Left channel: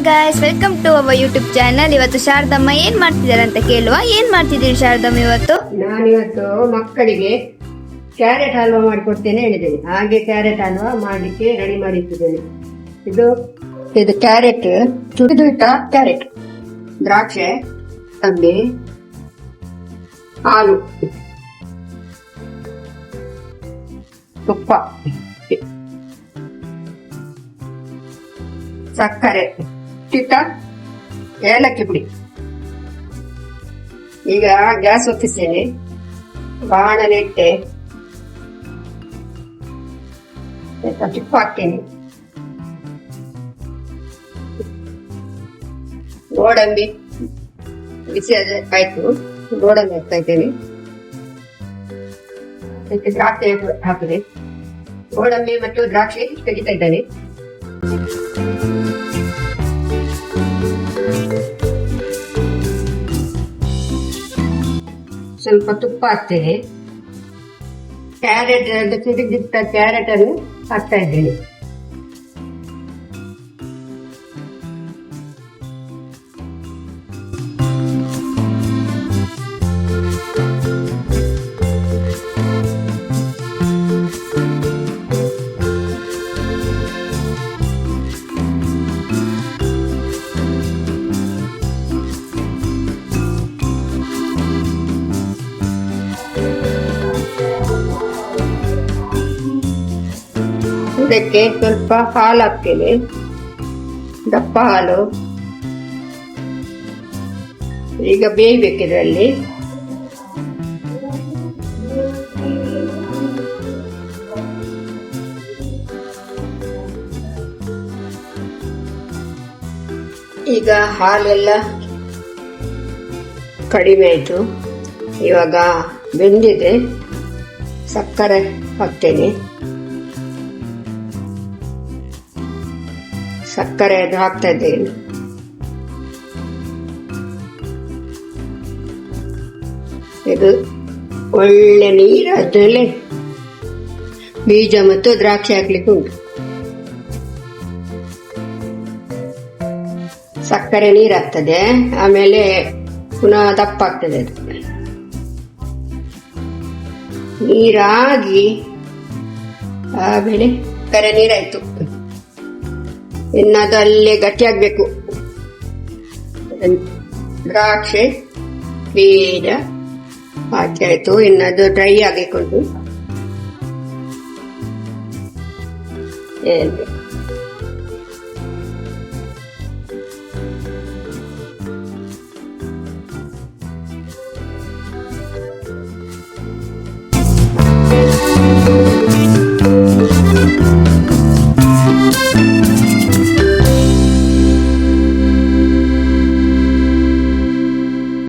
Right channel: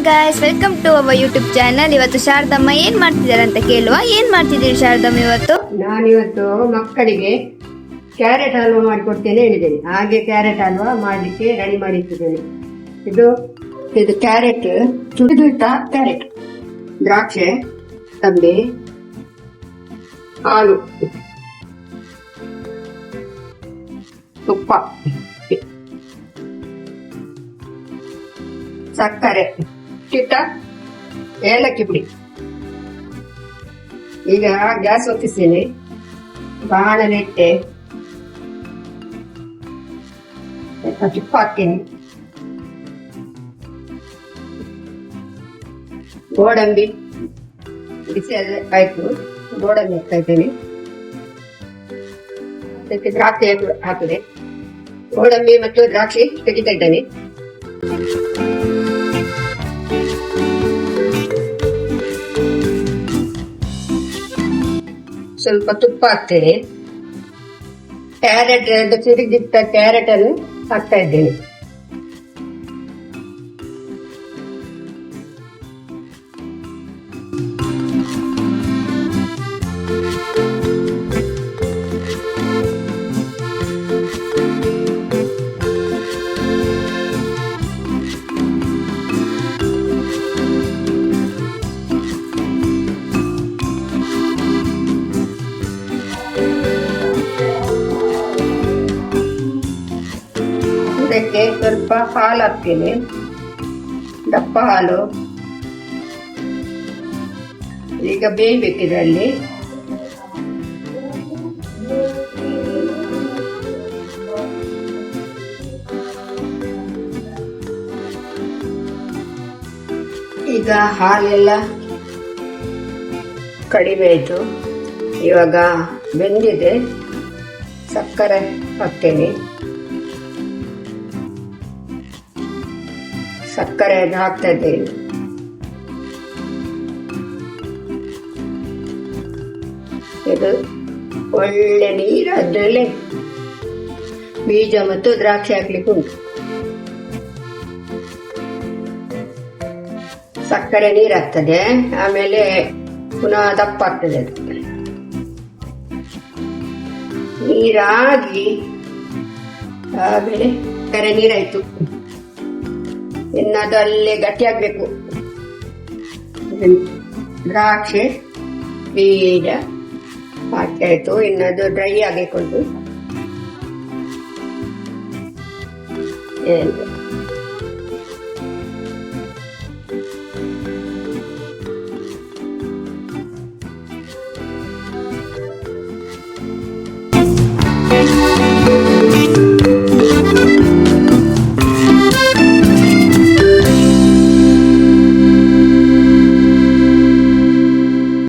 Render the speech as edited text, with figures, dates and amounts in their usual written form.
Hi guys, welcome to our YouTube channel. ಇವತ್ತು ಶಾರದಮ್ಮ ಏನ್ ಮಾಡ್ತಿದ್ದಾರೆ ಅಂತ ಕೇಳುವ. ಏನ್ ಮಾಡ್ತಿದ್ದೀರಿ ಶಾರದಮ್ಮ ಇವತ್ತು? ನಾನಿವತ್ತು ಮಕ್ಕಳಿಗೆ ಕ್ಯಾರೆಟ್ ಹಲ್ವಾ ಮಾಡಿಕೊಡ್ತೇನೆ ಹೇಳಿದ್ದೇನೆ. ಹಾಗೆ ಕ್ಯಾರೆಟ್ ಹಲ್ವಾ ಮಾಡಲಿಕ್ಕೆ ರೆಡಿ ಮಾಡಿಟ್ಟಿದ್ದೇನೆ. ಇದು ಕ್ಯಾರೆಟ್ ತುರಿದಿಟ್ಟ ಕ್ಯಾರೆಟ್, ದ್ರಾಕ್ಷೆ, ತಂಬೆ, ಹಾಲು, ತುಪ್ಪ, ಸಕ್ಕರೆ, ಚಿಟ್ಟ ಏಲಕ್ಕಿ ಪುಡಿ. ಈಗ ಗ್ಯಾಸ್ ಹೊತ್ತಿಸ್ತೇನೆ, ಬಾಣಲೆ ಇಟ್ಟೆ, ತುಪ್ಪ ಹಾಕ್ತೇನೆ, ಗೋಡಂಬಿ ಬಿಸಿ ಆಯ್ತು, ಗೋಡಂಬಿ ಹಾಕ್ತಾ ಇದ್ದೇನೆ. ಅದಕ್ಕೆ ದ್ರಾಕ್ಷಿ ಹಾಕಿದೆ, ಗೋಡಂಬಿ ಮತ್ತು ದ್ರಾಕ್ಷಿ ತೆಗಿತಾ ಇದ್ದೇನೆ. ಸ್ವಲ್ಪ ತುಪ್ಪ ಹಾಕ್ತೇನೆ. ಕ್ಯಾರೆಟ್ ತುರಿದಿಟ್ಟ ಕ್ಯಾರೆಟ್ ಅನ್ನು ಹಾಕ್ತಾ ಇದ್ದೇನೆ. ಇದಕ್ಕೆ ಸ್ವಲ್ಪ ಹಾಲು ಹಾಕ್ತೇನೆ, ದಪ್ಪ ಹಾಲು. ಈಗ ಬೇಯಬೇಕು ಇದರಲ್ಲಿ. ಈಗ ಹಾಲೆಲ್ಲ ಕಡಿಮೆ ಆಯಿತು, ಇವಾಗ ಬೆಂದಿದೆ. ಸಕ್ಕರೆ ಹಾಕ್ತೇನೆ, ಸಕ್ಕರೆ ಅದು ಹಾಕ್ತಾ ಇದ್ದೇನೆ. ಇದು ಒಳ್ಳೆ ನೀರು, ಅದರಲ್ಲಿ ಬೀಜ ಮತ್ತು ದ್ರಾಕ್ಷಿ ಹಾಕ್ಲಿಕ್ಕೆ ಉಂಟು. ಸಕ್ಕರೆ ನೀರು ಆಗ್ತದೆ, ಆಮೇಲೆ ಪುನಃ ದಪ್ಪ ಆಗ್ತದೆ. ಅದು ನೀರಾಗಿ ಆಮೇಲೆ ಸಕ್ಕರೆ ನೀರಾಯ್ತು. ಇನ್ನದು ಅಲ್ಲೇ ಗಟ್ಟಿ ಆಗ್ಬೇಕು. ದ್ರಾಕ್ಷಿ ಬೀಜ ಹಾಕಿ ಆಯ್ತು, ಇನ್ನದು ಡ್ರೈ ಆಗಬೇಕು. ಏನು